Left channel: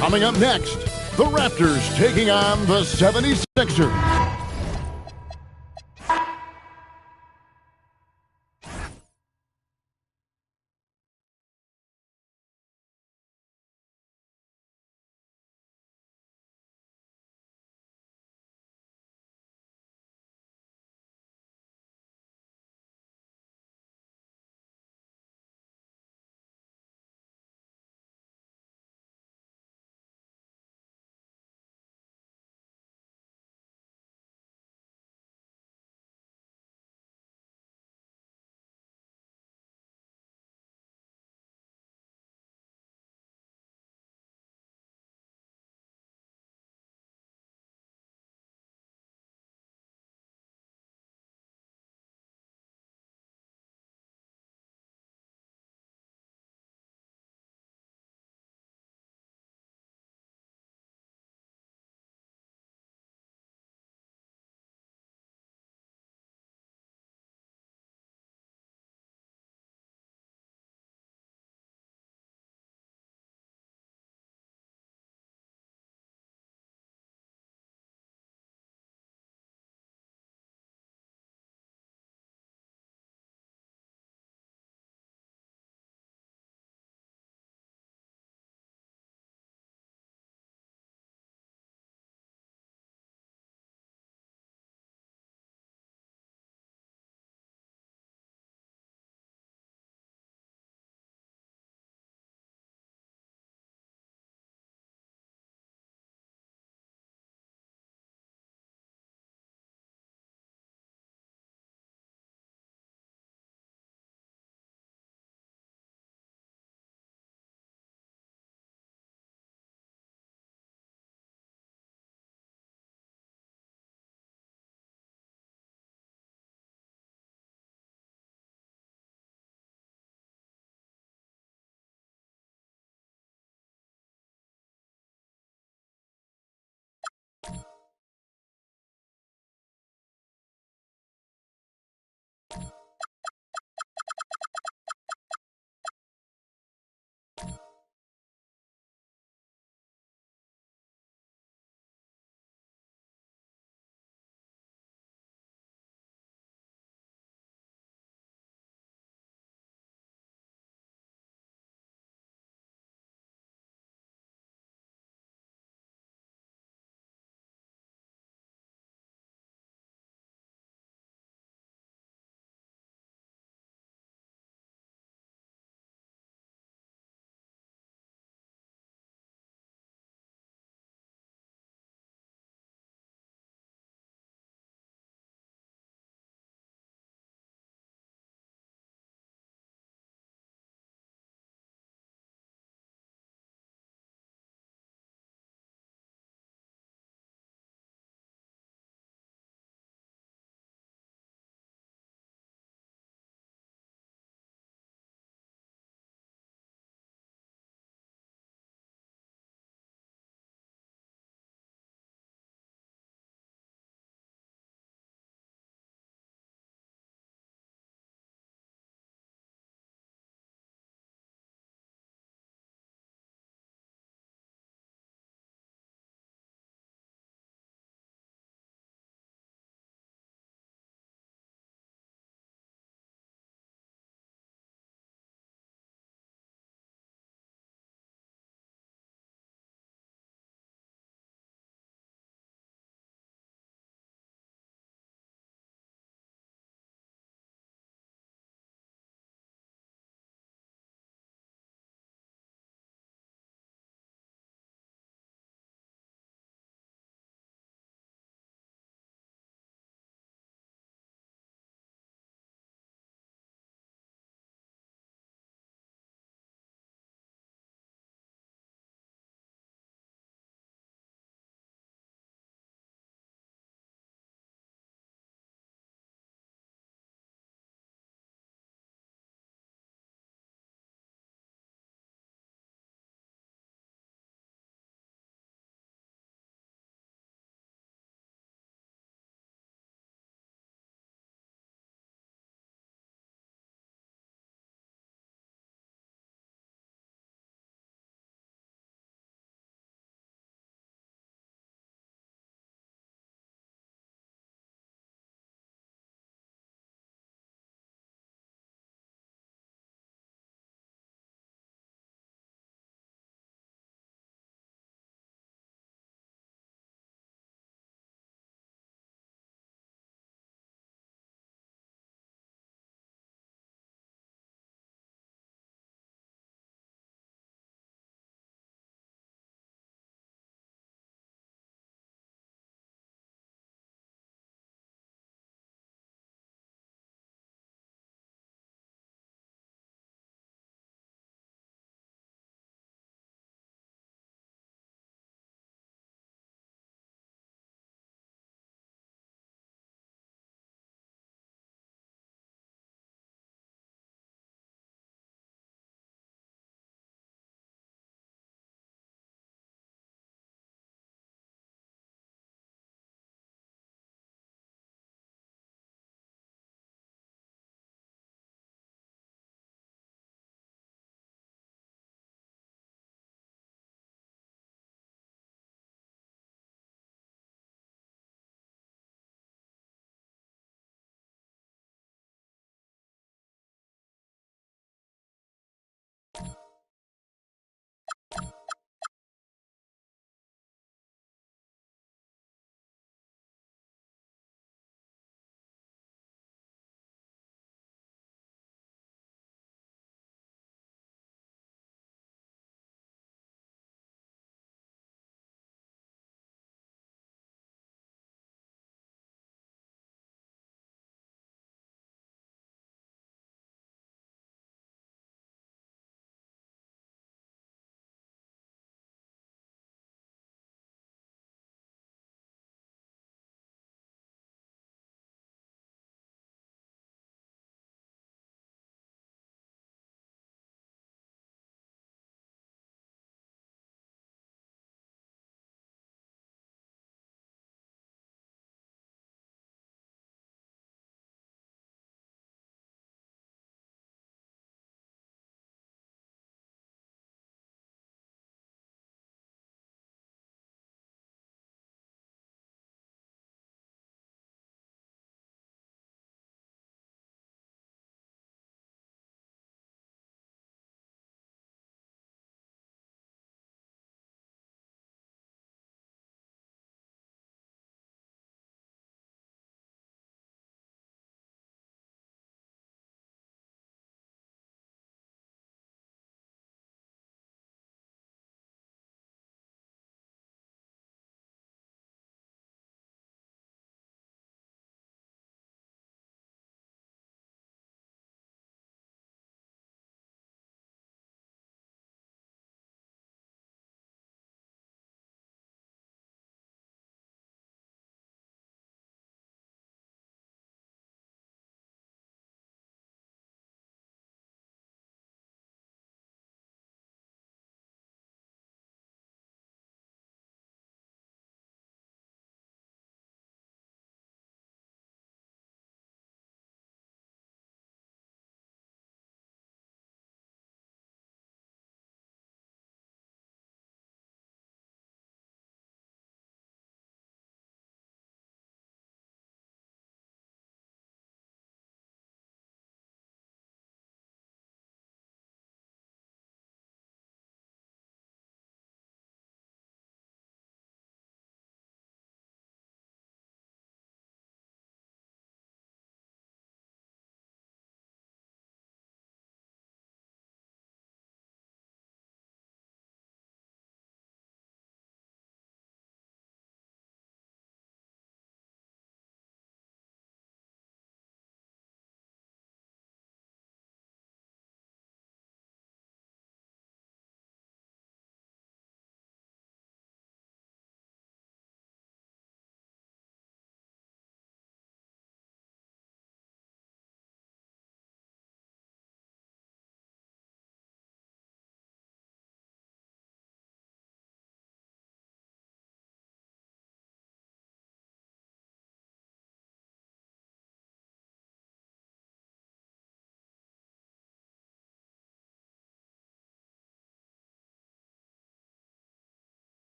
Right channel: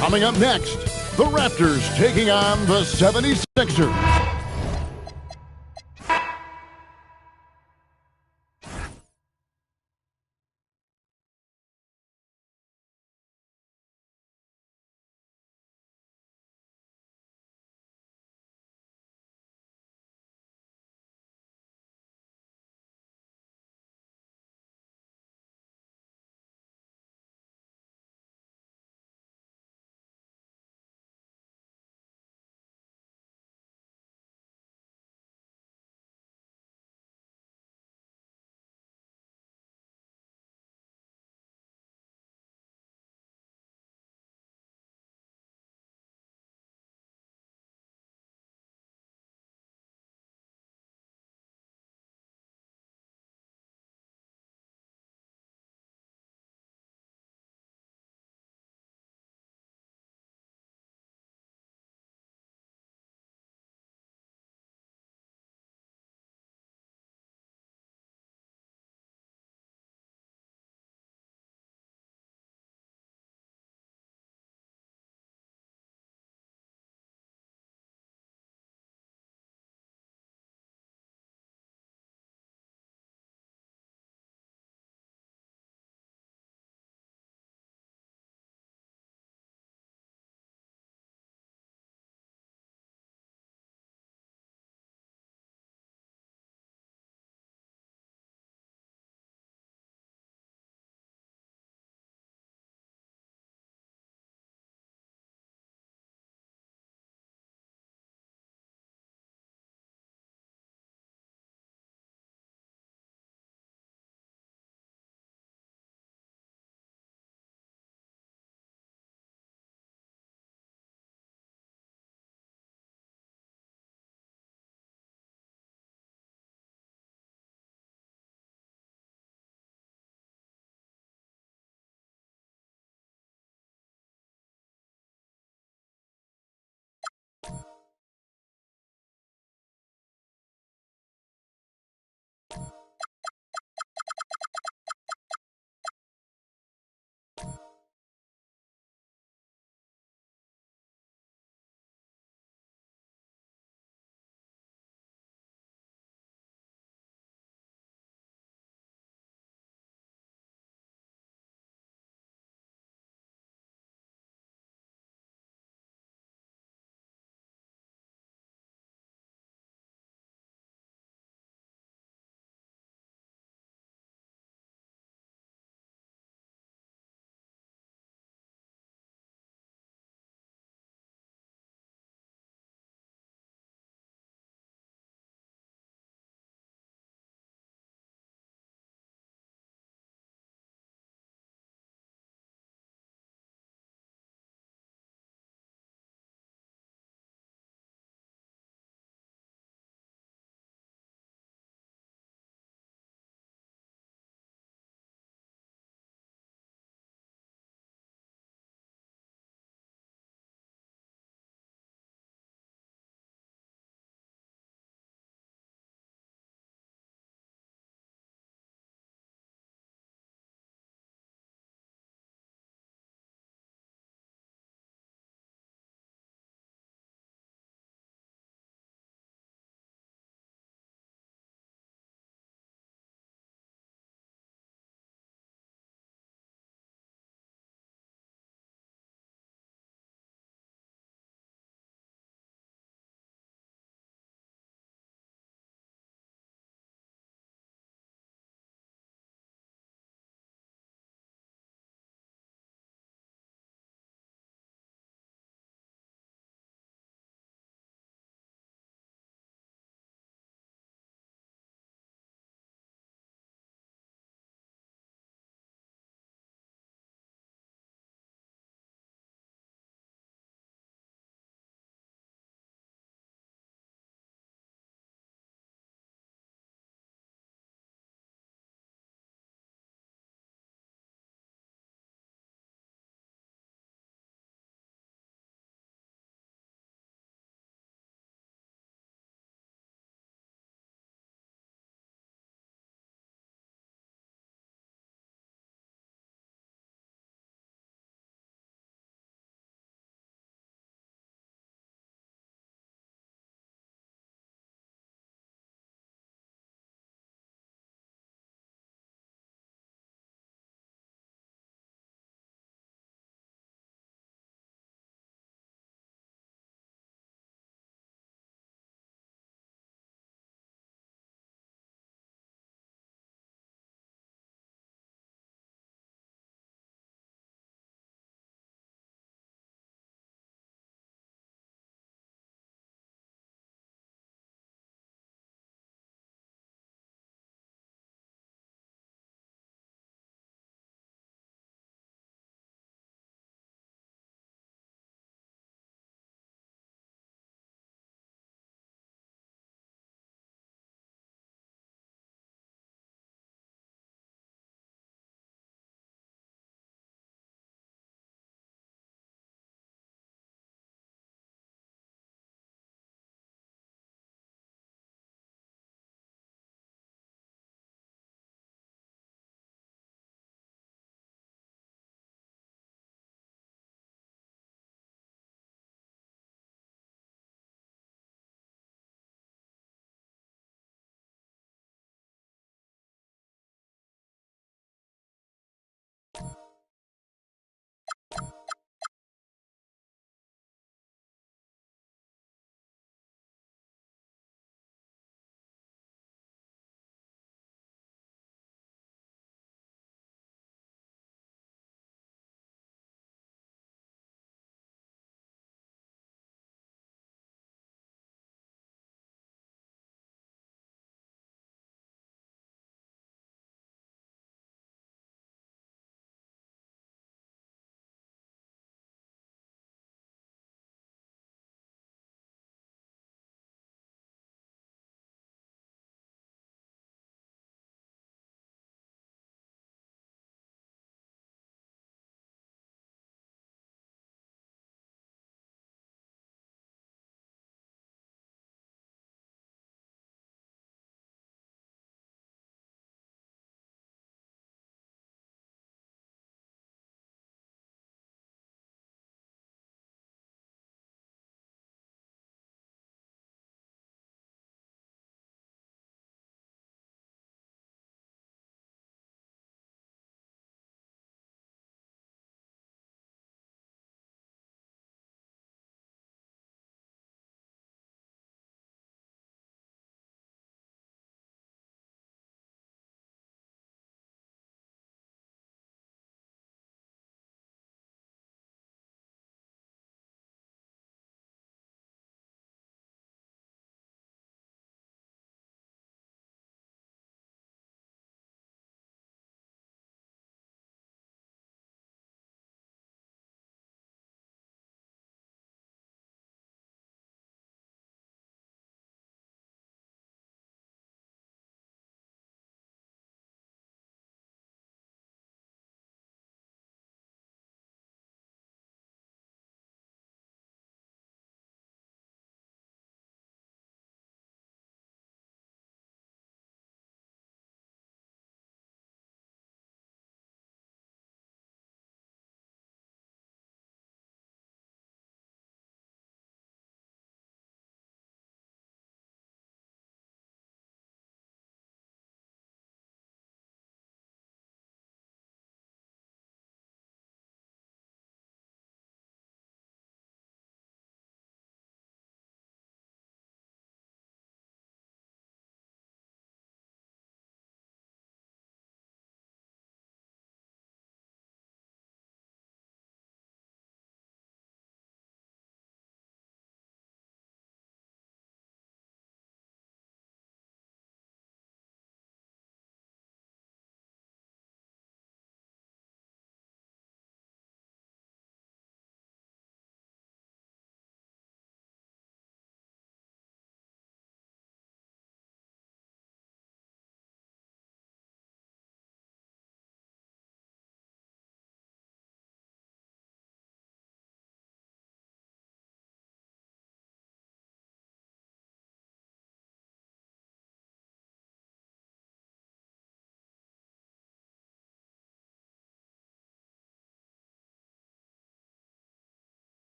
Coming up next, the Raptors taking on the 76ers.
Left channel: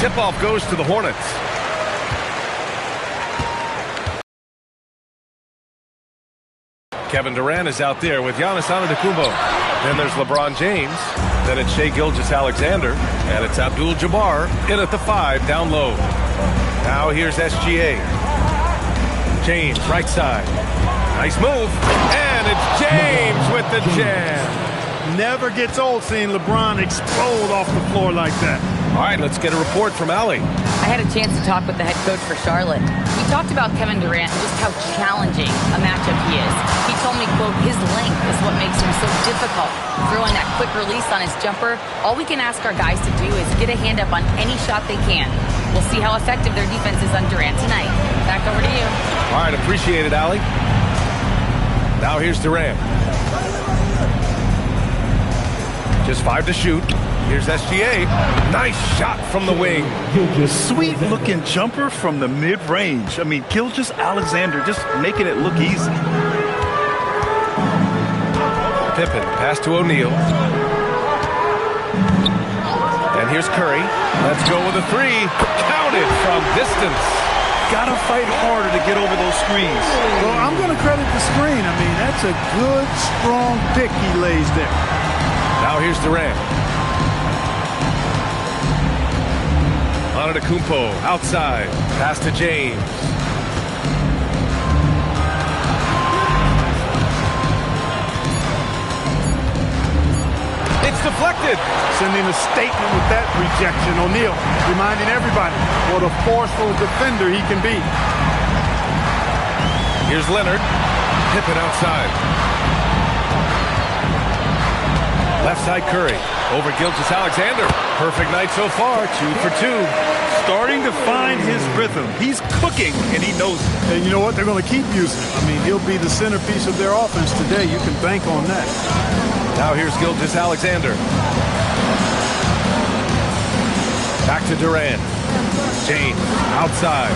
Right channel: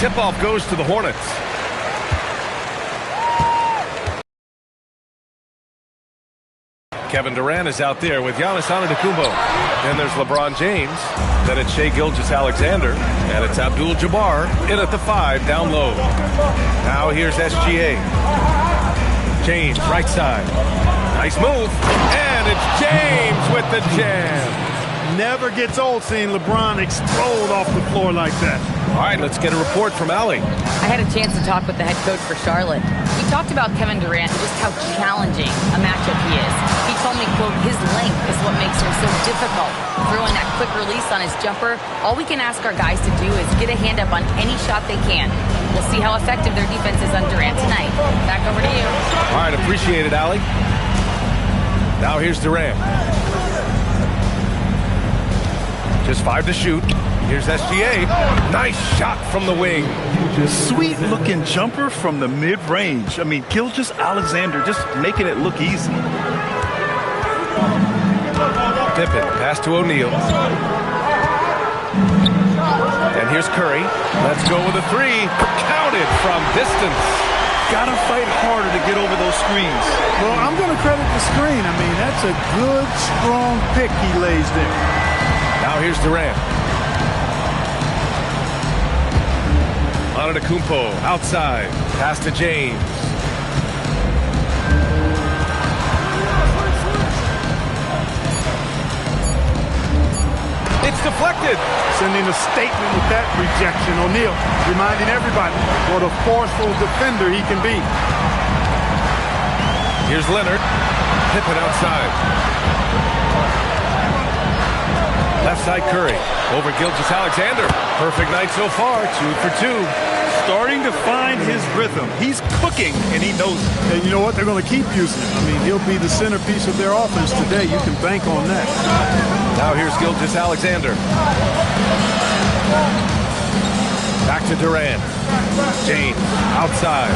Tip-off goes to the Hornets. Kevin Durant is out there with Giannis Antetokounmpo. Then there's LeBron James. Then it's Shai Gilgeous-Alexander. And it's Abdul-Jabbar in at the 5 down low. Now here's SGA. James, right side. Nice move. And it's James with the jam. Never gets old seeing LeBron explode off the floor like that. All right, let's get a report from Allie. I had a chance to talk with the head coach for Charlotte. We talked about Kevin Durant and just how challenging a matchup he is. He told me, quote, his length is what makes him so difficult. Throwing that quick release on his jumper, all we can ask our guys to do is get a hand up on any shot they can. We'll see how effective their defense is on Durant tonight. Back over to you. All right, appreciate it, Allie. Now here's Durant. Just 5 to shoot. Here's SGA. Nice shot from the wing. Sweet-looking jumper from the mid-range. I mean, Gilgeous-Alexander just making it look easy. Pippen, pass to O'Neal. And here's Curry. Let's go with a 3. Counted from distance. Gotta fight harder to get over those screens. Well, I'm going to credit the screen. I mean, that's a good, strong pick he lays there. Now here's Durant. Antetokounmpo outside. Pass to James. It's deflected. Sending a statement with that rejection. O'Neal reminding everybody what a forceful defender he can be. Here's Leonard. Pippen outside. Left side Curry. Over Gilgeous-Alexander. Perfect night so far. 2 for 2. Starting to find his rhythm. He's cooking, and he knows it. And you know what? They're going to keep using him. I mean, he'll be the centerpiece of their offense today. You can bank on that. Now here's Gilgeous-Alexander. Back to Durant. James outside.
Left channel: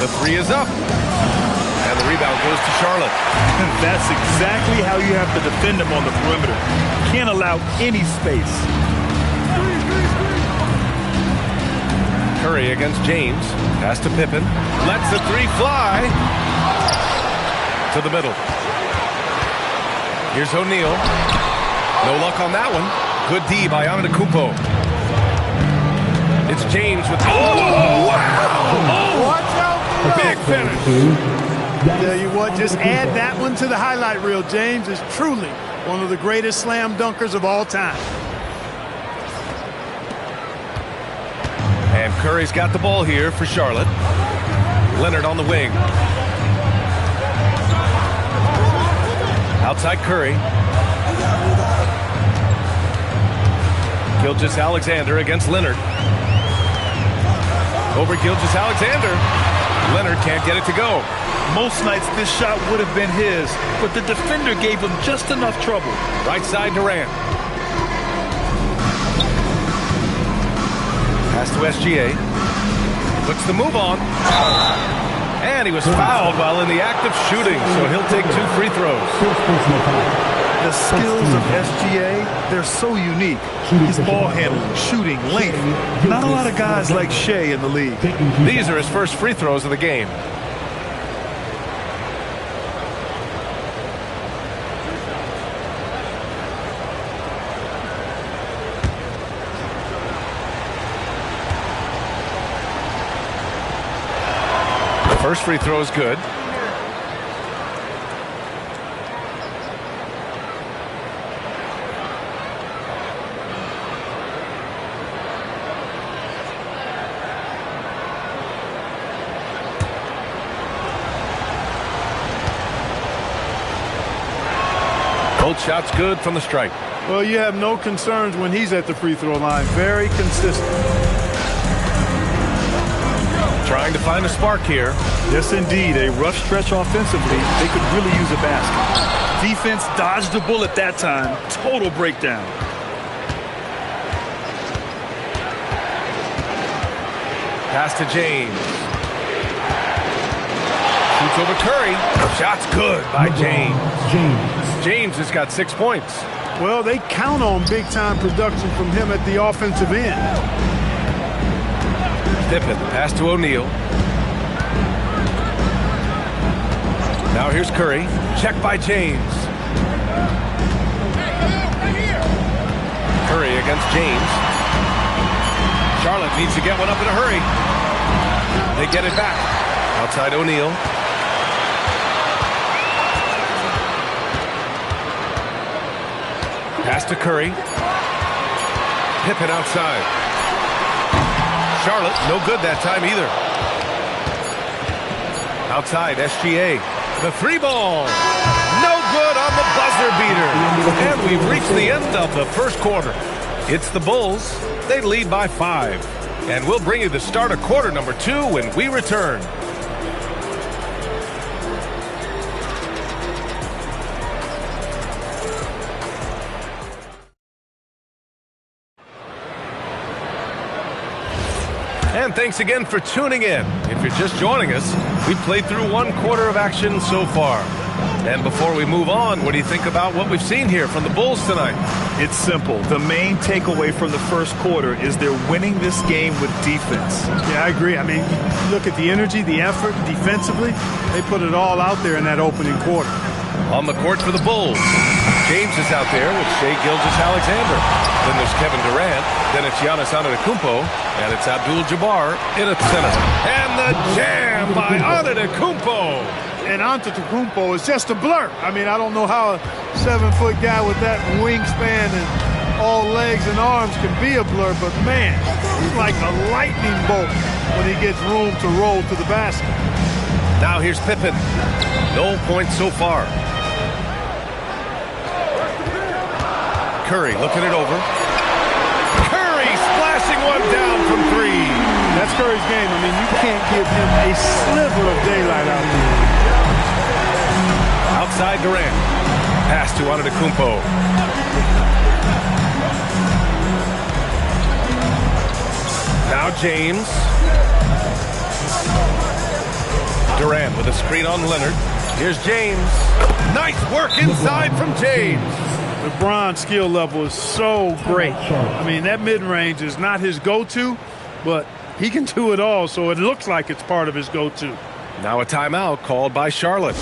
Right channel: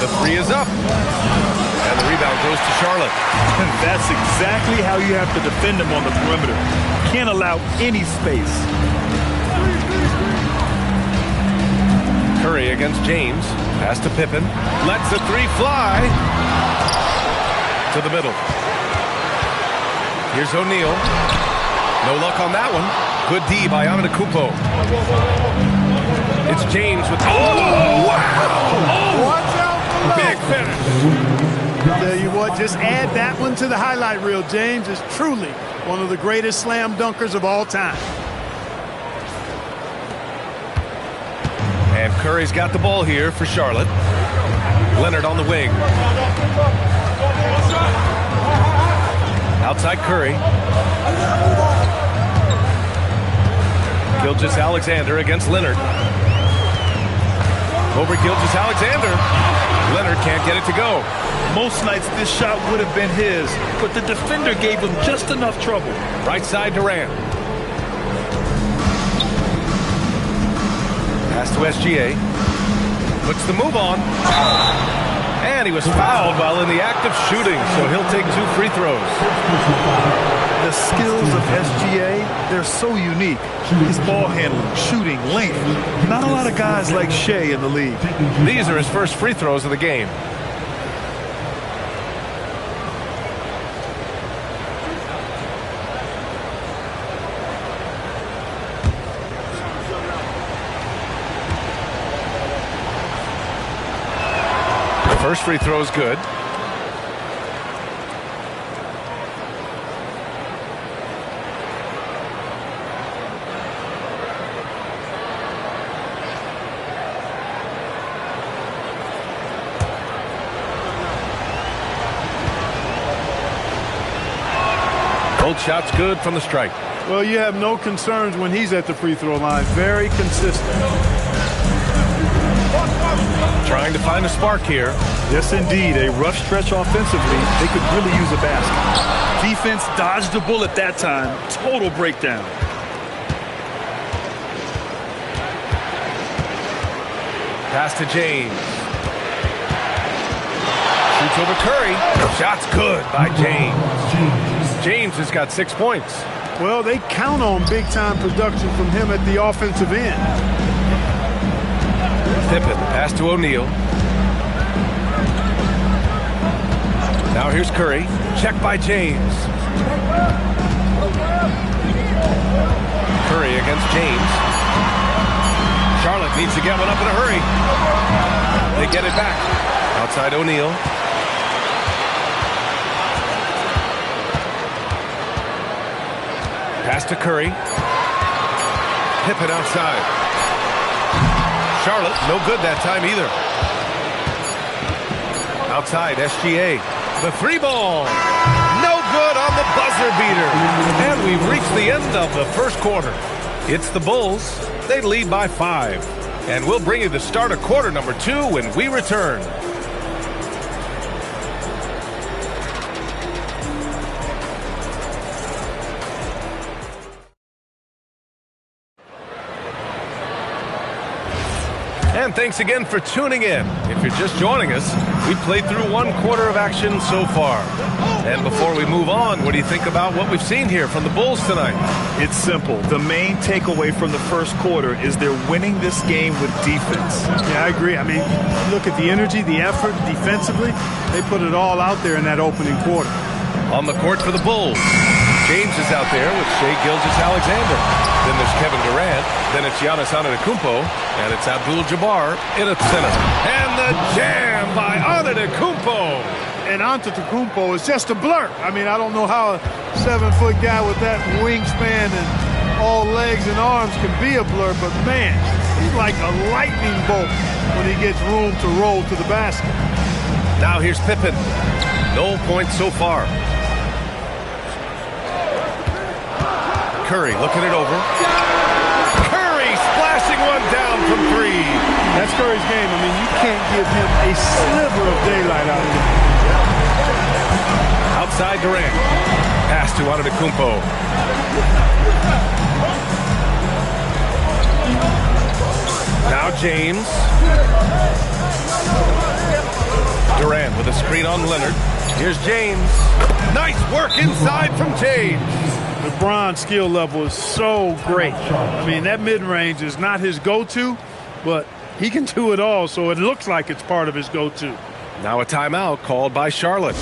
The 3 is up. And the rebound goes to Charlotte. And that's exactly how you have to defend him on the perimeter. Can't allow any space. Curry against James. Pass to Pippen. Lets the 3 fly. To the middle. Here's O'Neal. No luck on that one. Good D by Antetokounmpo. It's James with... Oh, wow! Oh, watch out below. Big finish. Tell you what, just add that one to the highlight reel. James is truly one of the greatest slam dunkers of all time. And Curry's got the ball here for Charlotte. Leonard on the wing. Outside Curry. Gilgeous-Alexander against Leonard. Over Gilgeous-Alexander. Leonard can't get it to go. Most nights this shot would have been his, but the defender gave him just enough trouble. Right side Durant. Pass to SGA. Puts the move on. And he was fouled while in the act of shooting, so he'll take 2 free throws. The skills of SGA, they're so unique. His ball handling, shooting, length. Not a lot of guys like Shai in the league. These are his first free throws of the game. First free throw is good. Both shots good from the stripe. Well, you have no concerns when he's at the free throw line. Very consistent. Trying to find a spark here. Yes, indeed. A rough stretch offensively. They could really use a basket. Defense dodged a bullet that time. Total breakdown. Pass to James. Shoots over Curry. Shot's good by James. James has got 6 points. Well, they count on big-time production from him at the offensive end. Pippen, pass to O'Neal. Now here's Curry. Check by James. Curry against James. Charlotte needs to get one up in a hurry. They get it back. Outside O'Neal. Pass to Curry. Pippen outside. Charlotte, no good that time either. Outside, SGA. The three ball. No good on the buzzer beater. And we've reached the end of the first quarter. It's the Bulls. They lead by 5. And we'll bring you the start of quarter number 2 when we return. And thanks again for tuning in. If you're just joining us, we've played through 1 quarter of action so far. And before we move on, what do you think about what we've seen here from the Bulls tonight? It's simple. The main takeaway from the first quarter is they're winning this game with defense. Yeah, I agree. I mean, look at the energy, the effort defensively. They put it all out there in that opening quarter. On the court for the Bulls, James is out there with Shai Gilgeous-Alexander. Then there's Kevin Durant. Then it's Giannis Antetokounmpo. And it's Abdul-Jabbar in at center. And the jam by Antetokounmpo. And Antetokounmpo is just a blur. I mean, I don't know how a 7-foot guy with that wingspan and all legs and arms can be a blur, but man, he's like a lightning bolt when he gets room to roll to the basket. Now here's Pippen. No points so far. Curry looking it over. Curry splashing one down from 3. That's Curry's game. I mean, you can't give him a sliver of daylight out there. Outside Durant. Pass to Antetokounmpo. Now James. Durant with a screen on Leonard. Here's James. Nice work inside from James. LeBron's skill level is so great. I mean, that mid-range is not his go-to, but he can do it all, so it looks like it's part of his go-to. Now a timeout called by Charlotte.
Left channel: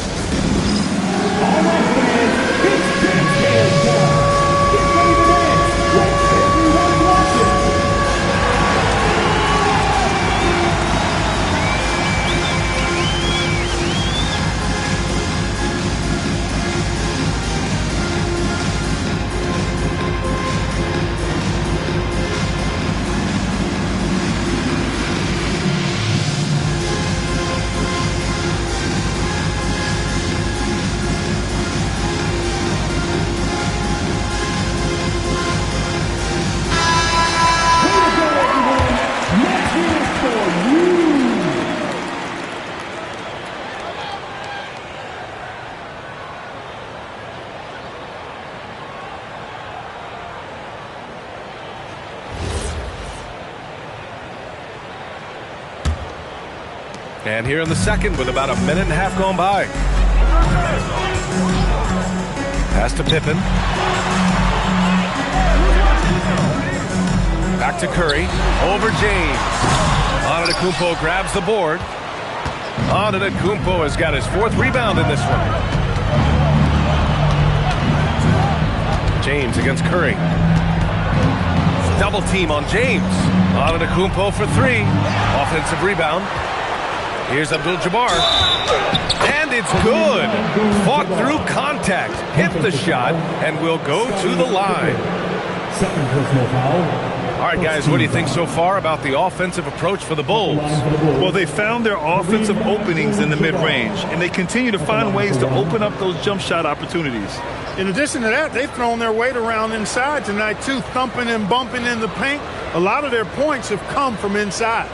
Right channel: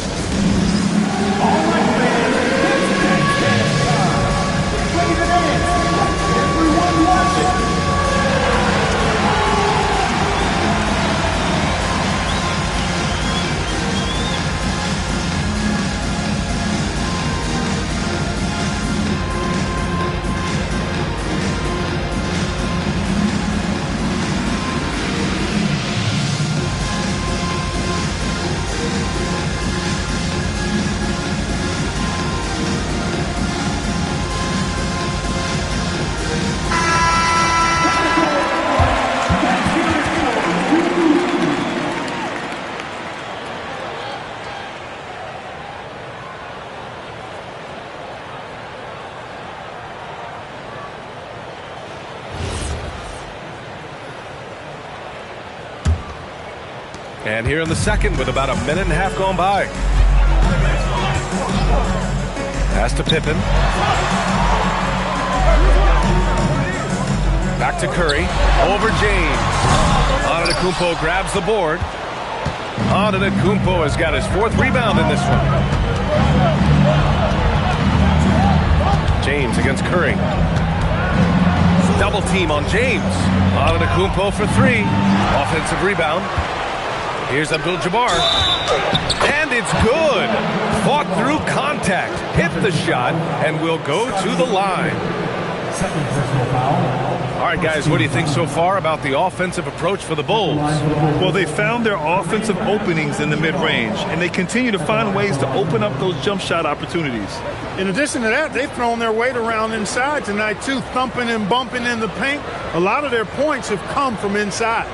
And here in the second with about a minute and a half gone by. Pass to Pippen. Back to Curry. Over James. Antetokounmpo grabs the board. Antetokounmpo has got his 4th rebound in this one. James against Curry. Double team on James. Antetokounmpo for 3. Offensive rebound. Here's Abdul-Jabbar. And it's good. Fought through contact. Hit the shot and will go to the line. Second personal foul. All right, guys, what do you think so far about the offensive approach for the Bulls? Well, they found their offensive openings in the mid-range, and they continue to find ways to open up those jump shot opportunities. In addition to that, they've thrown their weight around inside tonight, too, thumping and bumping in the paint. A lot of their points have come from inside.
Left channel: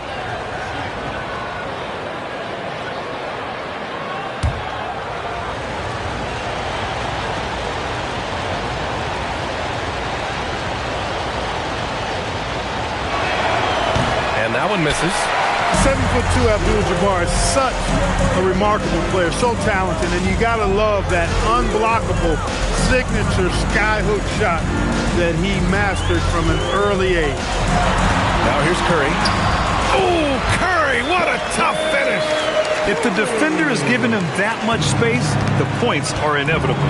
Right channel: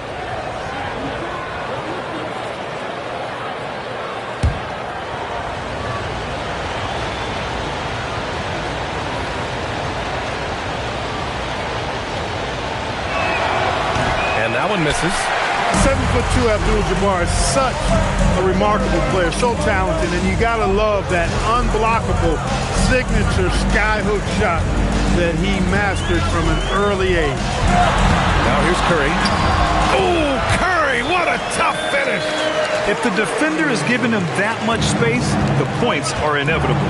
And that one misses. 7'2" Abdul-Jabbar is such a remarkable player, so talented, and you gotta love that unblockable signature skyhook shot that he mastered from an early age. Now here's Curry. Oh, Curry, what a tough finish. If the defender is giving him that much space, the points are inevitable.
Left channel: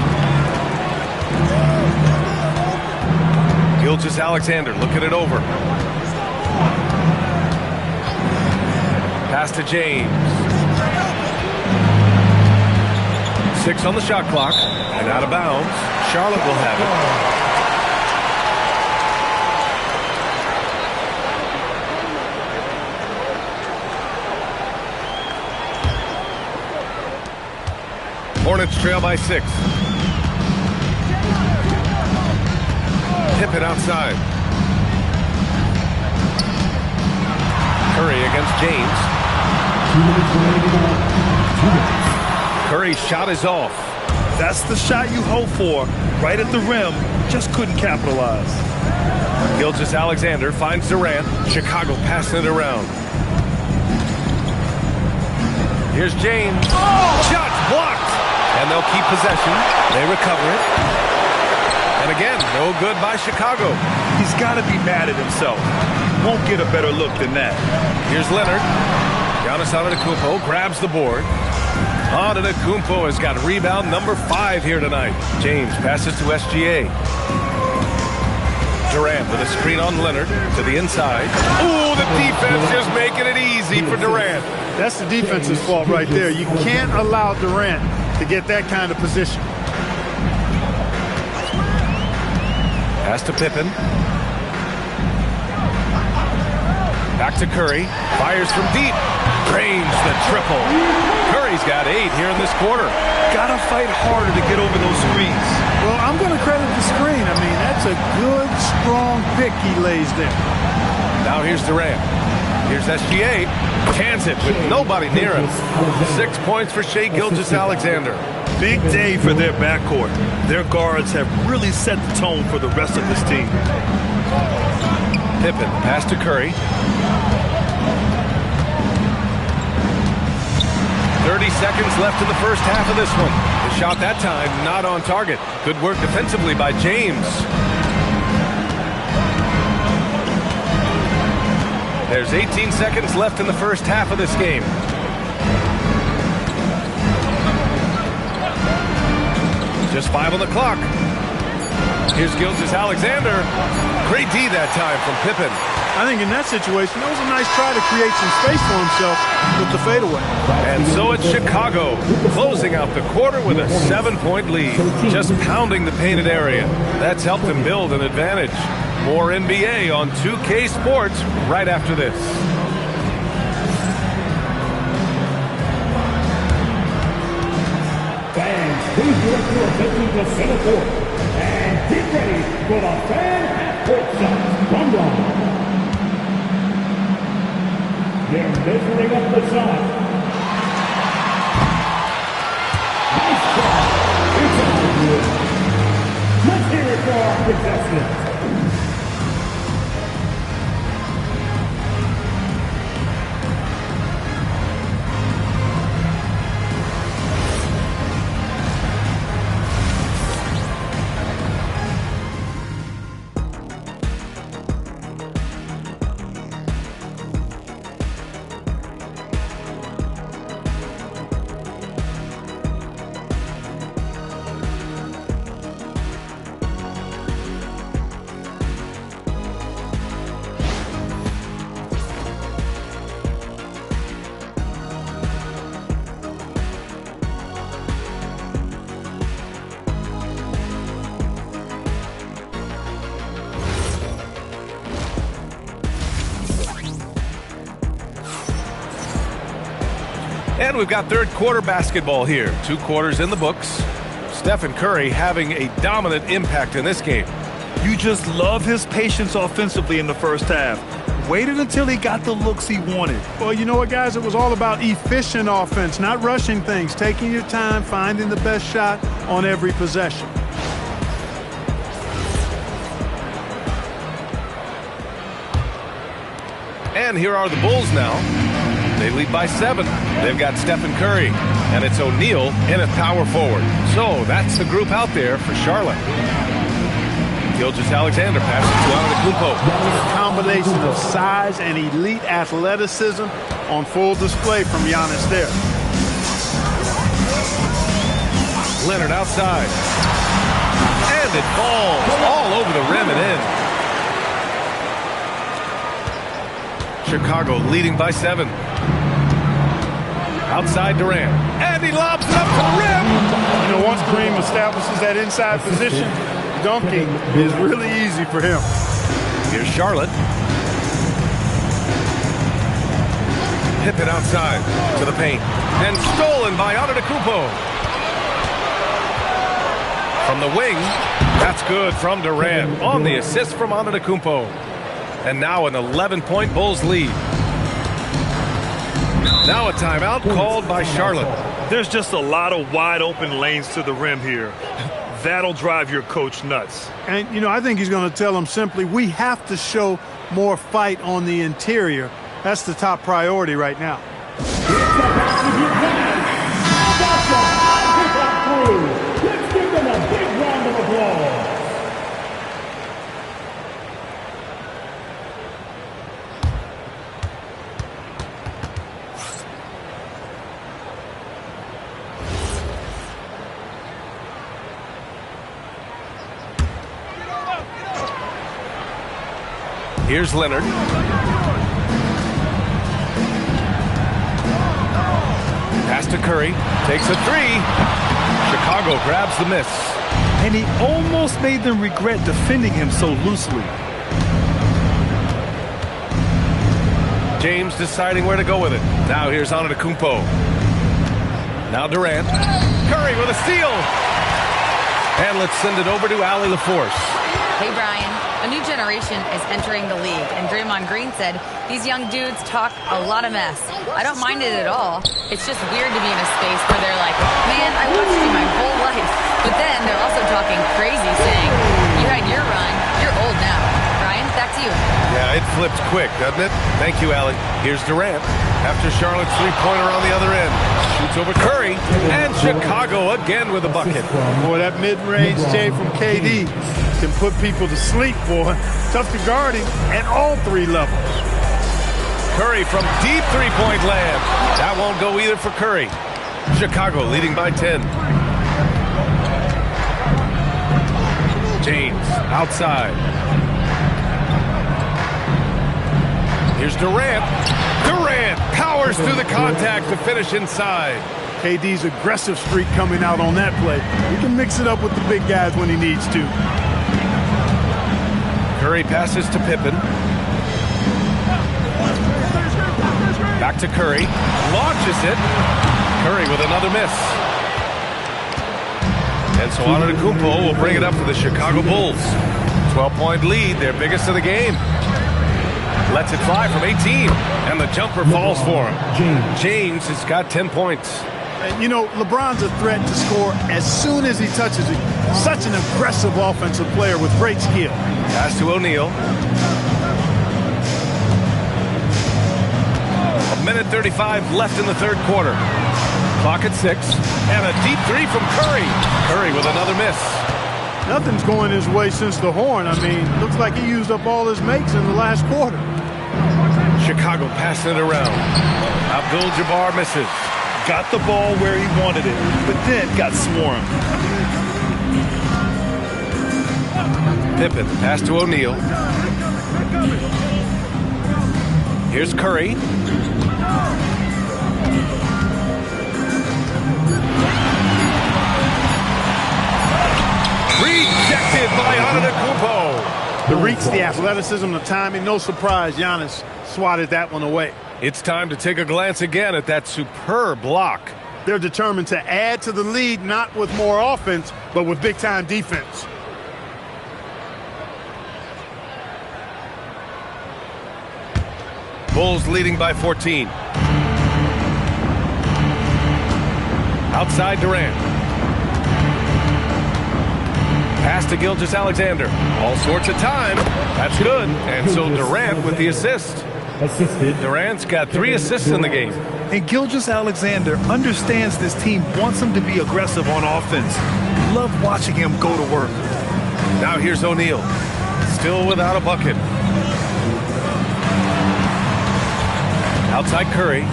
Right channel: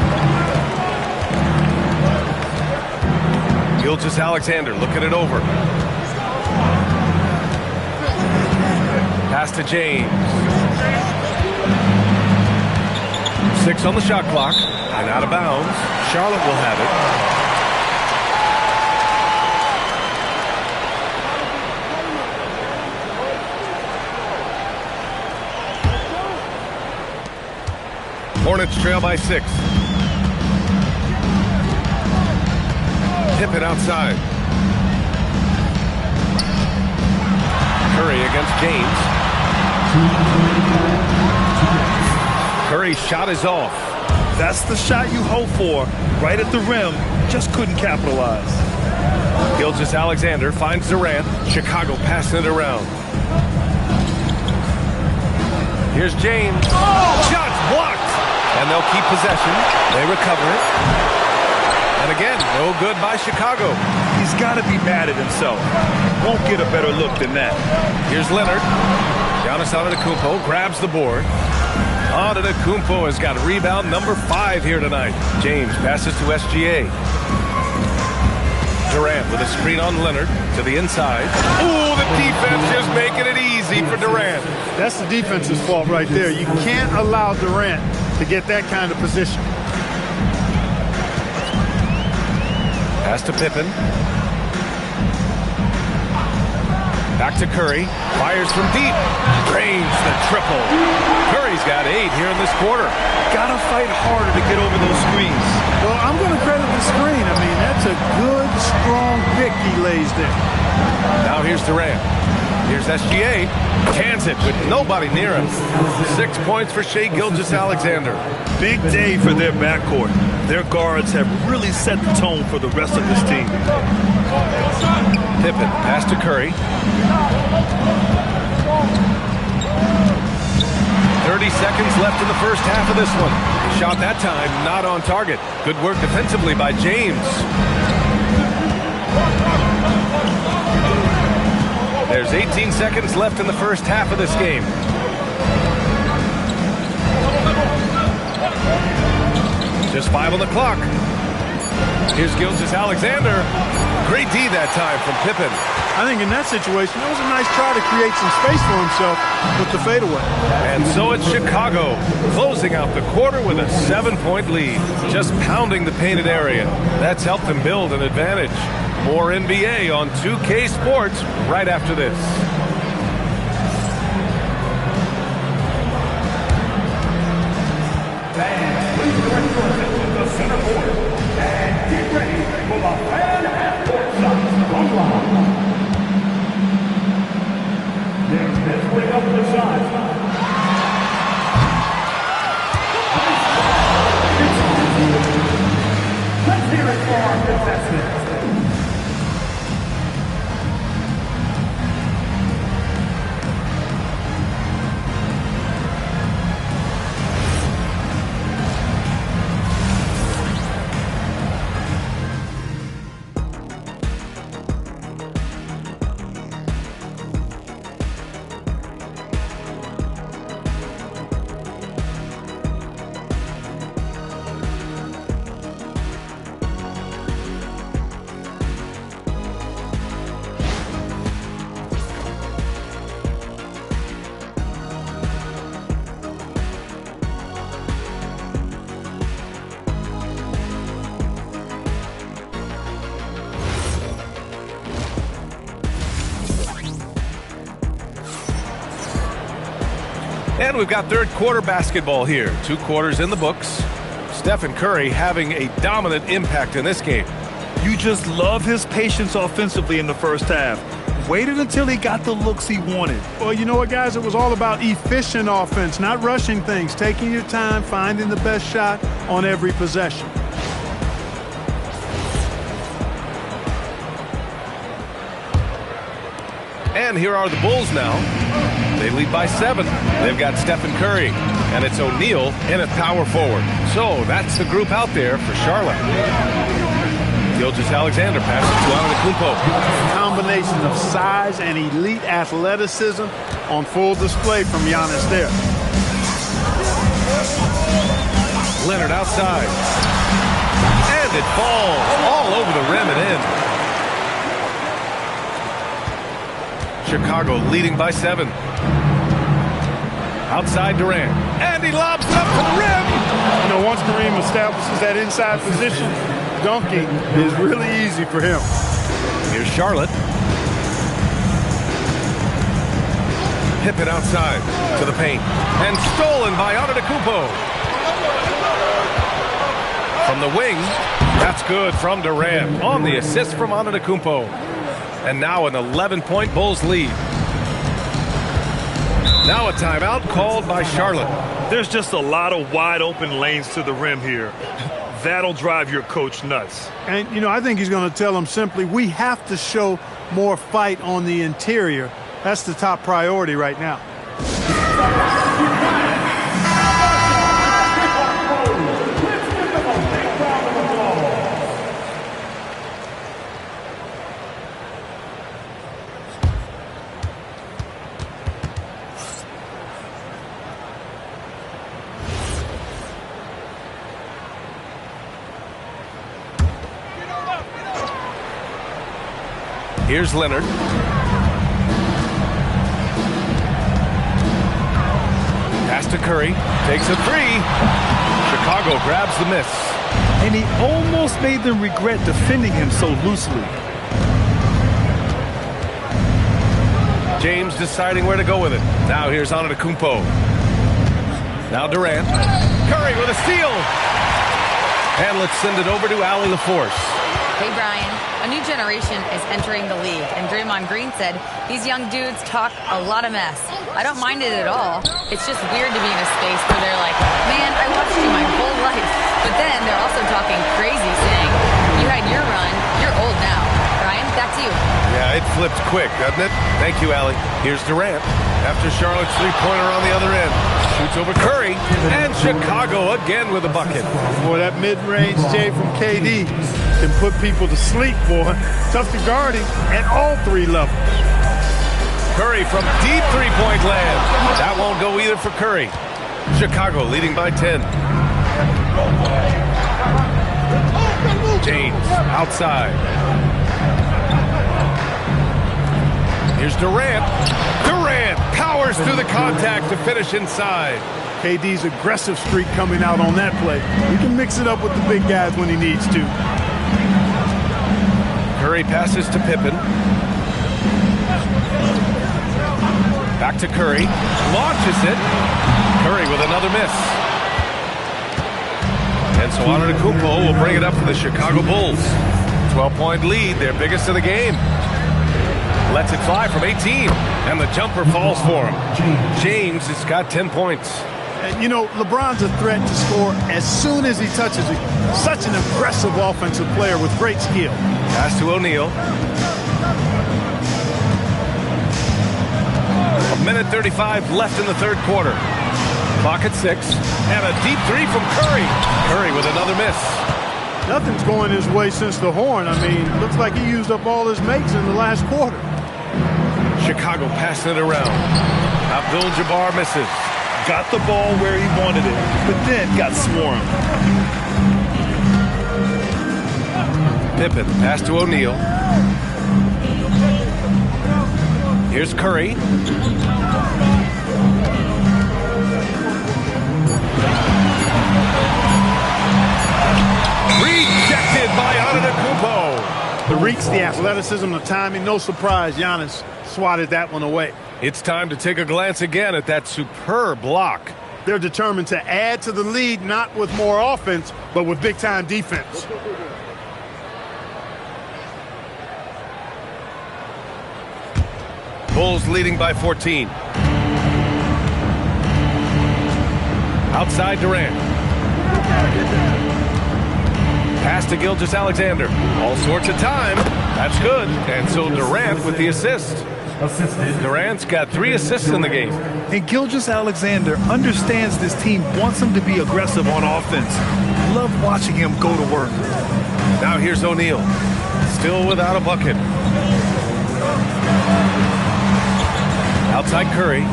Gilgeous-Alexander looking it over. Pass to James. 6 on the shot clock and out of bounds. Charlotte will have it. Hornets trail by 6. Pippen outside. Curry against James. Curry's shot is off. That's the shot you hope for. Right at the rim, just couldn't capitalize. Gilgeous-Alexander finds Durant. Chicago passing it around. Here's James. Oh! Shot's blocked. And they'll keep possession. They recover it. And again, no good by Chicago. He's got to be mad at himself. Won't get a better look than that. Here's Leonard. Giannis Antetokounmpo grabs the board. Antetokounmpo has got rebound number 5 here tonight. James passes to SGA. Durant with a screen on Leonard to the inside. Ooh, the defense just making it easy for Durant. That's the defense's fault right there. You can't allow Durant to get that kind of position. Pass to Pippen. Back to Curry. Fires from deep. Drains the triple. Curry's got 8 here in this quarter. Gotta fight harder to get over those screens. Well, I'm going to credit the screen. I mean, that's a good, strong pick he lays there. Now here's Durant. Here's SGA. Cans it with nobody near him. 6 points for Shai Gilgeous-Alexander. Big day for their backcourt. Their guards have really set the tone for the rest of this team. Pippen, pass to Curry. 30 seconds left in the first half of this one. The shot that time not on target. Good work defensively by James. There's 18 seconds left in the first half of this game. Just 5 on the clock. Here's Gilgeous-Alexander. Great D that time from Pippen. I think in that situation, it was a nice try to create some space for himself with the fadeaway. And so it's Chicago closing out the quarter with a 7-point lead. Just pounding the painted area. That's helped them build an advantage. More NBA on 2K Sports right after this. Fans, please direct your attention to center court and get ready for the fan half-court shots from Round. They're measuring up the shot. Nice try. It's all good. Let's hear it for our contestants. And we've got third quarter basketball here. 2 quarters in the books. Stephen Curry having a dominant impact in this game. You just love his patience offensively in the first half. Waited until he got the looks he wanted. Well, you know what, guys? It was all about efficient offense, not rushing things, taking your time, finding the best shot on every possession. And here are the Bulls now. They lead by 7. They've got Stephen Curry, and it's O'Neal in at power forward. So that's the group out there for Charlotte. Gilgeous-Alexander passes to Antetokounmpo. Combination of size and elite athleticism on full display from Giannis there. Leonard outside. And it falls all over the rim and in. Chicago leading by 7. Outside Durant. And he lobs it up to the rim. You know, once Kareem establishes that inside position, dunking is really easy for him. Here's Charlotte. Pippen outside to the paint. And stolen by Antetokounmpo. From the wing, that's good from Durant on the assist from Antetokounmpo. And now an 11-point Bulls lead. Now a timeout called by Charlotte. There's just a lot of wide open lanes to the rim here. That'll drive your coach nuts. And, you know, I think he's going to tell them simply, we have to show more fight on the interior. That's the top priority right now. Let's give them a big round of applause. Here's Leonard. Pass to Curry. Takes a 3. Chicago grabs the miss. And he almost made them regret defending him so loosely. James deciding where to go with it. Now here's Antetokounmpo. Now Durant. Curry with a steal. And let's send it over to Allie LaForce. Hey, Brian. A new generation is entering the league, and Draymond Green said these young dudes talk a lot of mess. I don't mind it at all. It's just weird to be in a space where they're like, man, I watched you my whole life. But then they're also talking crazy, saying, you had your run, you're old now. Brian, back to you. Yeah, it flipped quick, doesn't it? Thank you, Allie. Here's Durant. After Charlotte's three-pointer on the other end. Shoots over Curry, and Chicago again with a bucket. Boy, that mid-range J from KD can put people to sleep, boy. Tough to guard him at all 3 levels. Curry from deep three-point land. That won't go either for Curry. Chicago leading by 10. James outside. Here's Durant. Durant powers through the contact to finish inside. KD's aggressive streak coming out on that play. He can mix it up with the big guys when he needs to. Curry passes to Pippen. Back to Curry. Launches it. Curry with another miss. And so Antetokounmpo will bring it up for the Chicago Bulls. 12-point lead, their biggest of the game. Lets it fly from 18, and the jumper falls for him. James has got 10 points. And, you know, LeBron's a threat to score as soon as he touches it. Such an aggressive offensive player with great skill. Pass to O'Neal. 1:35 left in the third quarter. Clock at 6, and a deep 3 from Curry. Curry with another miss. Nothing's going his way since the horn. I mean, looks like he used up all his makes in the last quarter. Chicago passing it around. Abdul-Jabbar misses. Got the ball where he wanted it, but then got swarmed. Pippen, pass to O'Neal. Here's Curry. Rejected by Antetokounmpo. The reach, the athleticism, the timing, no surprise, Giannis swatted that one away. It's time to take a glance again at that superb block. They're determined to add to the lead, not with more offense, but with big-time defense. Bulls leading by 14. Outside Durant. Pass to Gilgeous-Alexander. All sorts of time. That's good. And so Durant with the assist. assisted. Durant's got 3 assists in the game. And Gilgeous-Alexander understands this team wants him to be aggressive on offense. Love watching him go to work. Now here's O'Neal. Still without a bucket. Outside Curry.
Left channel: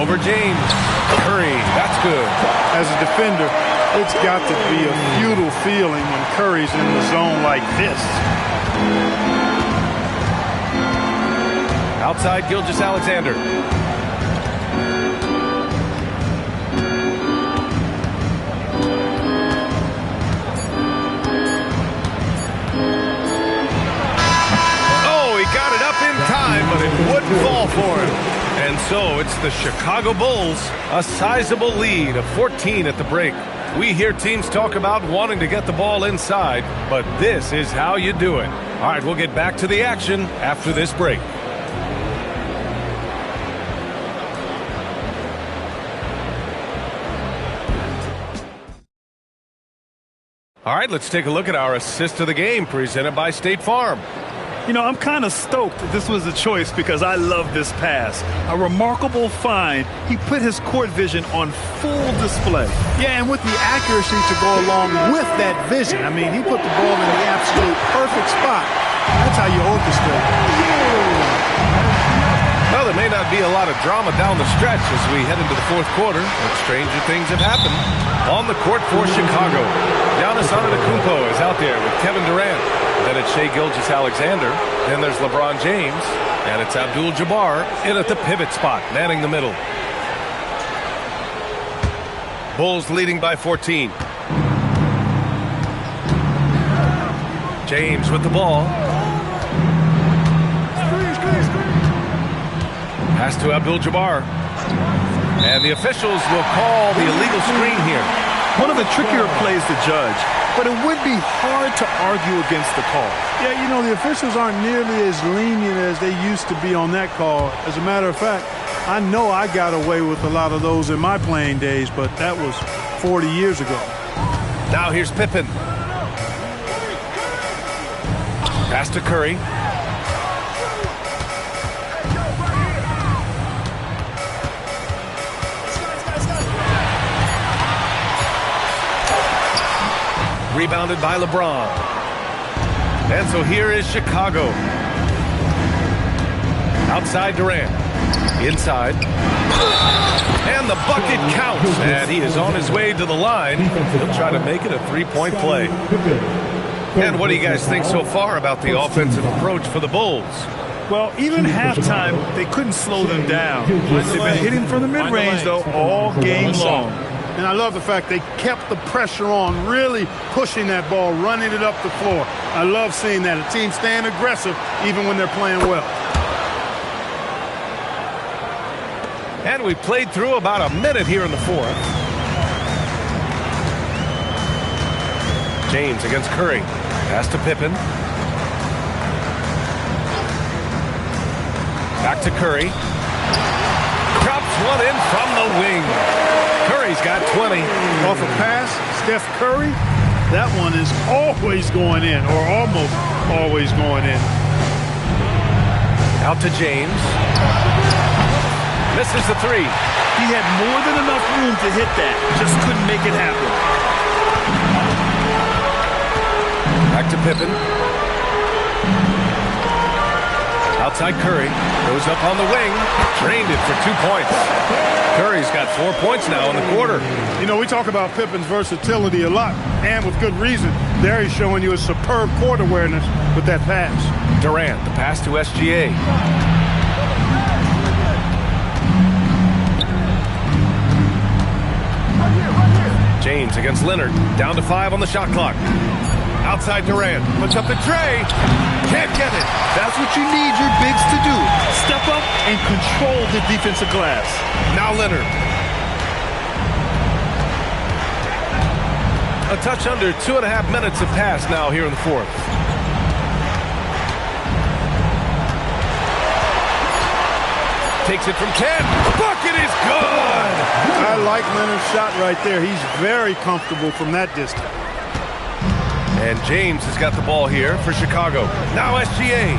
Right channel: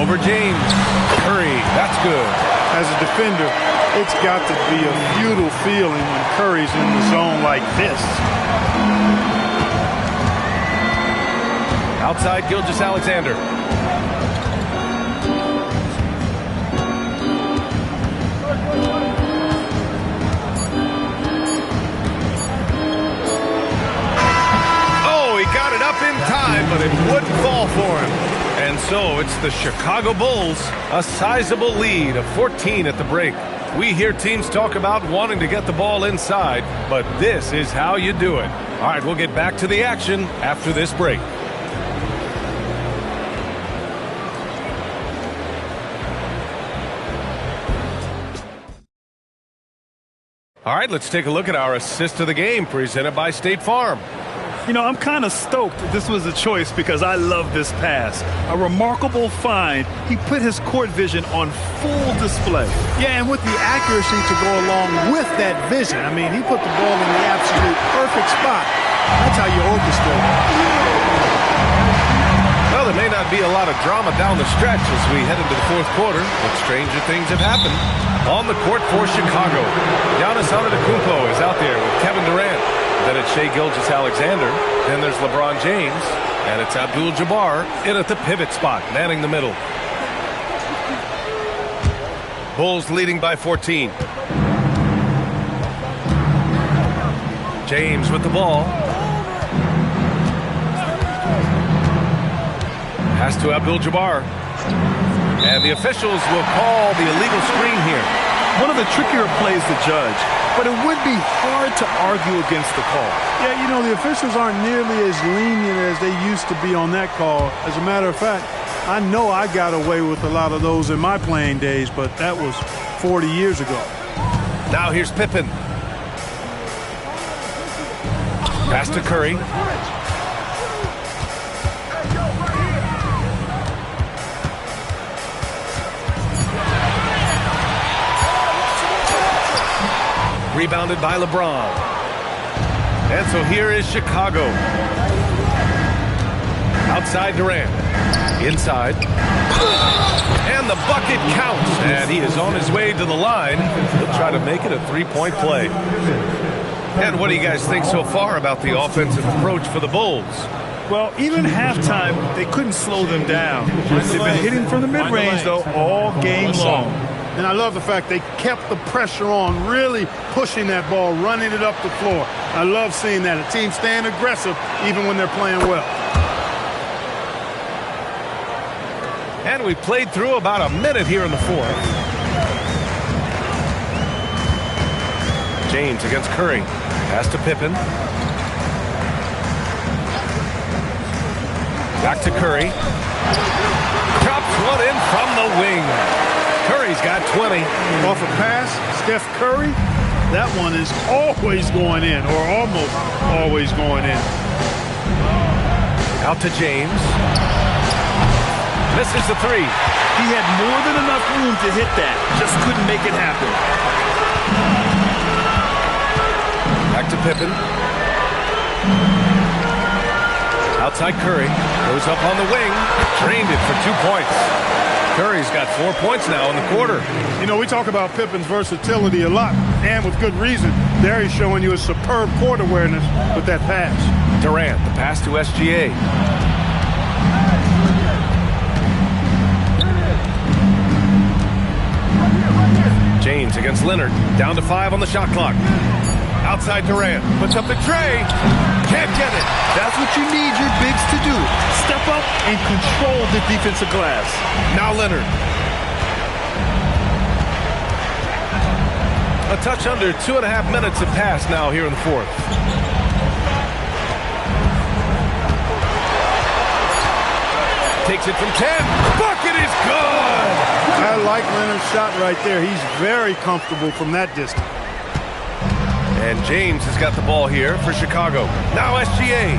Over James. Curry, that's good. As a defender, it's got to be a futile feeling when Curry's in the zone like this. Outside Gilgeous-Alexander. Oh, he got it up in time, but it wouldn't fall for him. And so it's the Chicago Bulls, a sizable lead of 14 at the break. We hear teams talk about wanting to get the ball inside, but this is how you do it. All right, we'll get back to the action after this break. All right, let's take a look at our assist of the game presented by State Farm. You know, I'm kind of stoked that this was a choice because I love this pass. A remarkable find. He put his court vision on full display. Yeah, and with the accuracy to go along with that vision. I mean, he put the ball in the absolute perfect spot. That's how you orchestrate. Well, there may not be a lot of drama down the stretch as we head into the fourth quarter, but stranger things have happened. On the court for Chicago, Giannis Antetokounmpo is out there with Kevin Durant. Then it's Shai Gilgeous-Alexander. Then there's LeBron James. And it's Abdul-Jabbar in at the pivot spot, manning the middle. Bulls leading by 14. James with the ball. Pass to Abdul-Jabbar. And the officials will call the illegal screen here. One of the trickier plays to judge, but it would be hard to argue against the call. Yeah, you know, the officials aren't nearly as lenient as they used to be on that call. As a matter of fact, I know I got away with a lot of those in my playing days, but that was 40 years ago. Now here's Pippen. Pass to Curry. Rebounded by LeBron. And so here is Chicago. Outside Durant. Inside. And the bucket counts. And he is on his way to the line. He'll try to make it a three-point play. And what do you guys think so far about the offensive approach for the Bulls? Well, even halftime, they couldn't slow them down. They've been hitting from the mid-range, though, all game long. And I love the fact they kept the pressure on, really pushing that ball, running it up the floor. I love seeing that. A team staying aggressive even when they're playing well. And we played through about a minute here in the fourth. James against Curry. Pass to Pippen. Back to Curry. Drops one in from the wing. Curry's got 20. Off a pass, Steph Curry, that one is always going in, or almost always going in. Out to James. Misses the three. He had more than enough room to hit that, just couldn't make it happen. Back to Pippen. Outside Curry. Goes up on the wing. Drained it for 2 points. Curry's got 4 points now in the quarter. You know, we talk about Pippen's versatility a lot, and with good reason. There he's showing you a superb court awareness with that pass. Durant, the pass to SGA. James against Leonard. Down to 5 on the shot clock. Outside Durant. Puts up the tray. Can't get it. That's what you need your bigs to do. Step up and control the defensive glass. Now Leonard. A touch under 2.5 minutes have passed now here in the fourth. Takes it from 10. Bucket is good. I like Leonard's shot right there. He's very comfortable from that distance. And James has got the ball here for Chicago. Now SGA.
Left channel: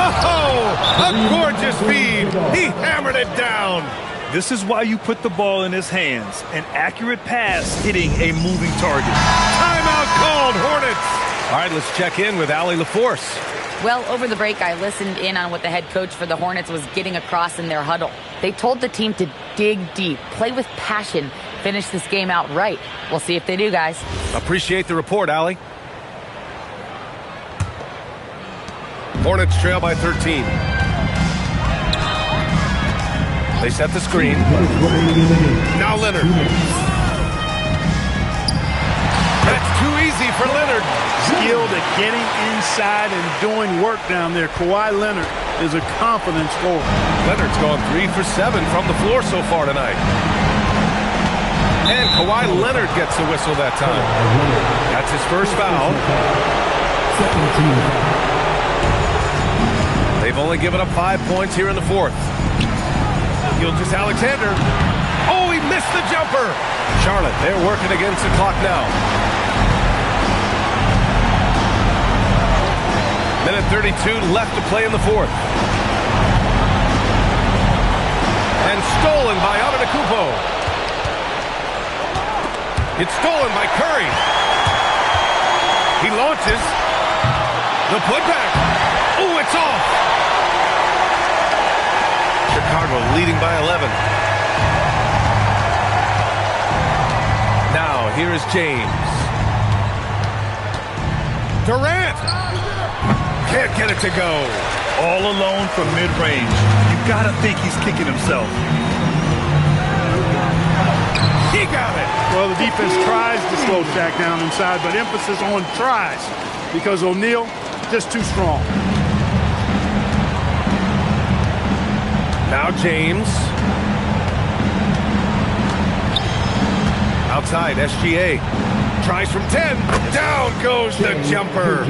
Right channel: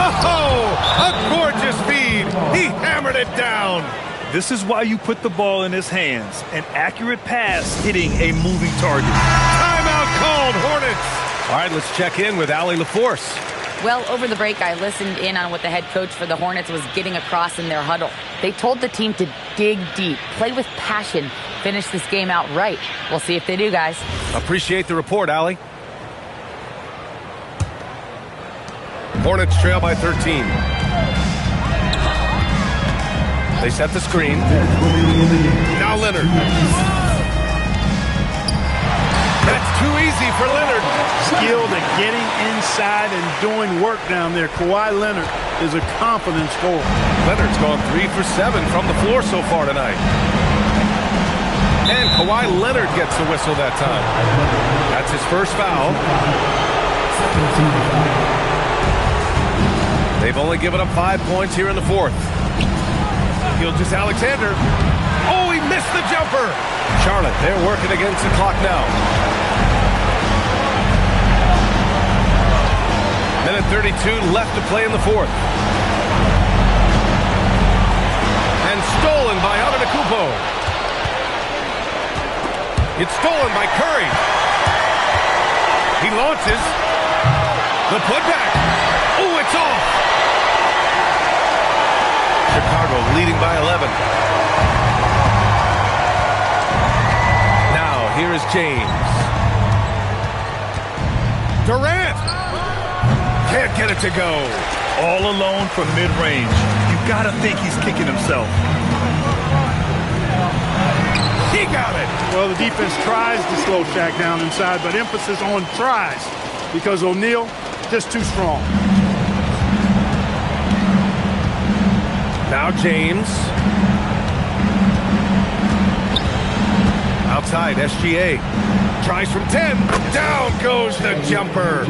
Oh, a gorgeous feed. He hammered it down. This is why you put the ball in his hands. An accurate pass hitting a moving target. Timeout called, Hornets. All right, let's check in with Allie LaForce. Well, over the break, I listened in on what the head coach for the Hornets was getting across in their huddle. They told the team to dig deep, play with passion, finish this game out right. We'll see if they do, guys. Appreciate the report, Allie. Hornets trail by 13. They set the screen. Now Leonard. That's too easy for Leonard. Skilled at getting inside and doing work down there. Kawhi Leonard is a confident scorer. Leonard's gone 3 for 7 from the floor so far tonight. And Kawhi Leonard gets the whistle that time. That's his first foul. They've only given up 5 points here in the fourth. Gilgeous-Alexander. Oh, he missed the jumper. Charlotte, they're working against the clock now. Minute 32 left to play in the fourth. And stolen by Antetokounmpo. It's stolen by Curry. He launches. The putback. Oh, it's off. Chicago leading by 11. Now, here is James. Durant! Can't get it to go. All alone from mid-range. You gotta think he's kicking himself. He got it. Well, the defense tries to slow Shaq down inside, but emphasis on tries because O'Neal just too strong. Now James. Outside, SGA. Tries from 10. Down goes the jumper.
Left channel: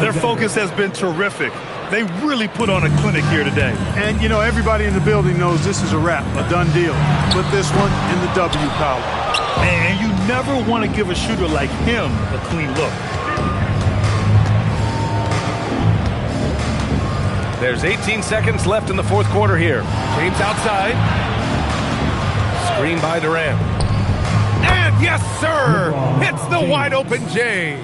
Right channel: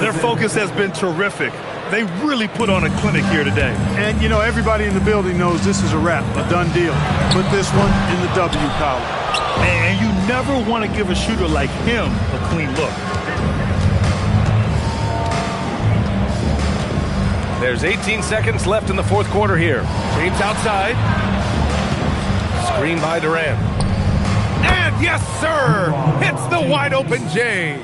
Their focus has been terrific. They really put on a clinic here today. And, you know, everybody in the building knows this is a wrap, a done deal. Put this one in the W column. And you never want to give a shooter like him a clean look. There's 18 seconds left in the fourth quarter here. James outside. Screen by Durant. And yes, sir! Hits the wide open J.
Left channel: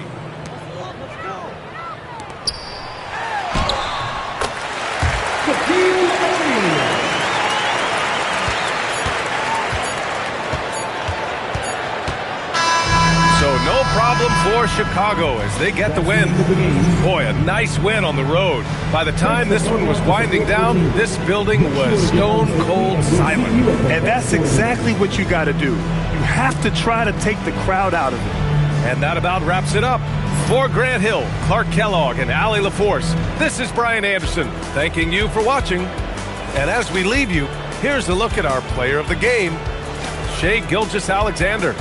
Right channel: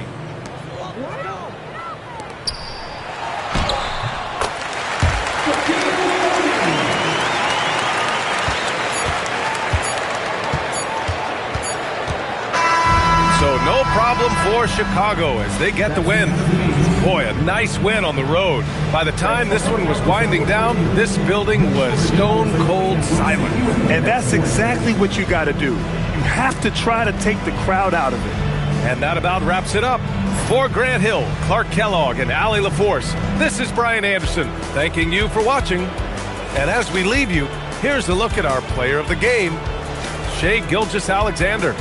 So no problem for Chicago as they get the win. Boy, a nice win on the road. By the time this one was winding down, this building was stone cold silent. And that's exactly what you got to do. You have to try to take the crowd out of it. And that about wraps it up. For Grant Hill, Clark Kellogg, and Allie LaForce, this is Brian Anderson thanking you for watching. And as we leave you, here's a look at our player of the game, Shai Gilgeous-Alexander.